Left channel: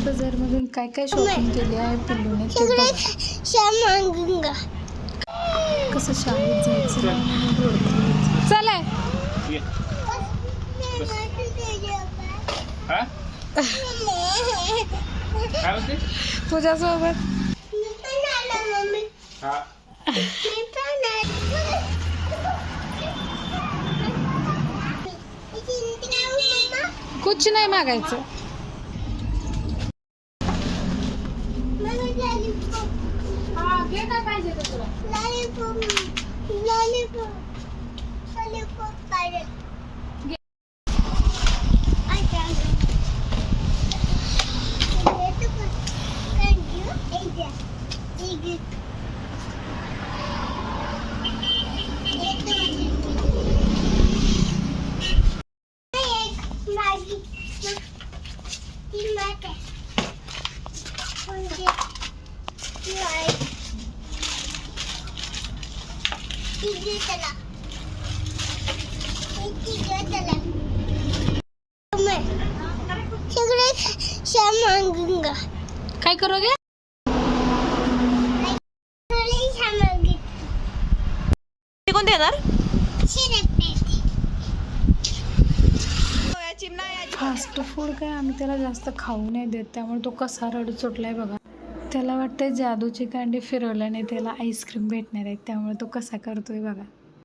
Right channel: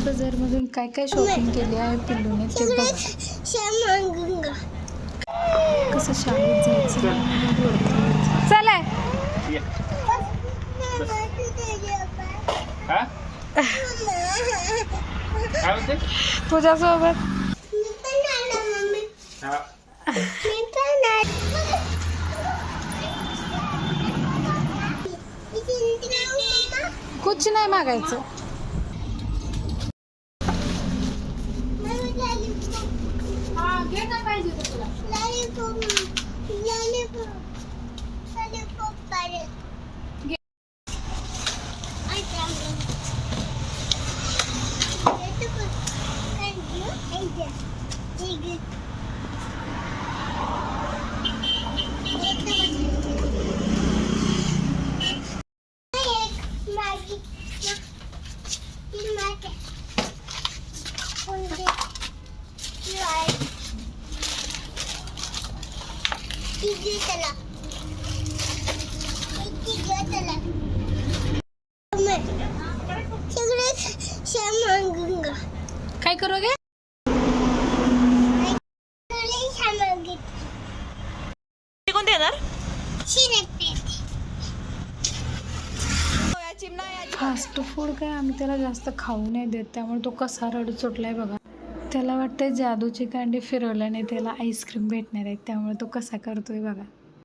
राज बाजारमधून काय काय शॉपिंग केली आहे पिल्लूने ते बघा. कसं शाळेत जायचं नाही म्हणून रडतोय. चला तुझ्यासोबत कुछ नाही मागायचं. काय करोगे? कोण देणार? फास्ट फूड काय आम्ही त्याला जास्त खाऊ नाही देत, त्यामुळे तो कसा रडत सुटलाय बघा. त्याला वाटतंय जादूची कांडी फिरवल्याने त्याला आईस्क्रीम भेटणार आहे, त्यामुळे तो कसा करतोय बघा.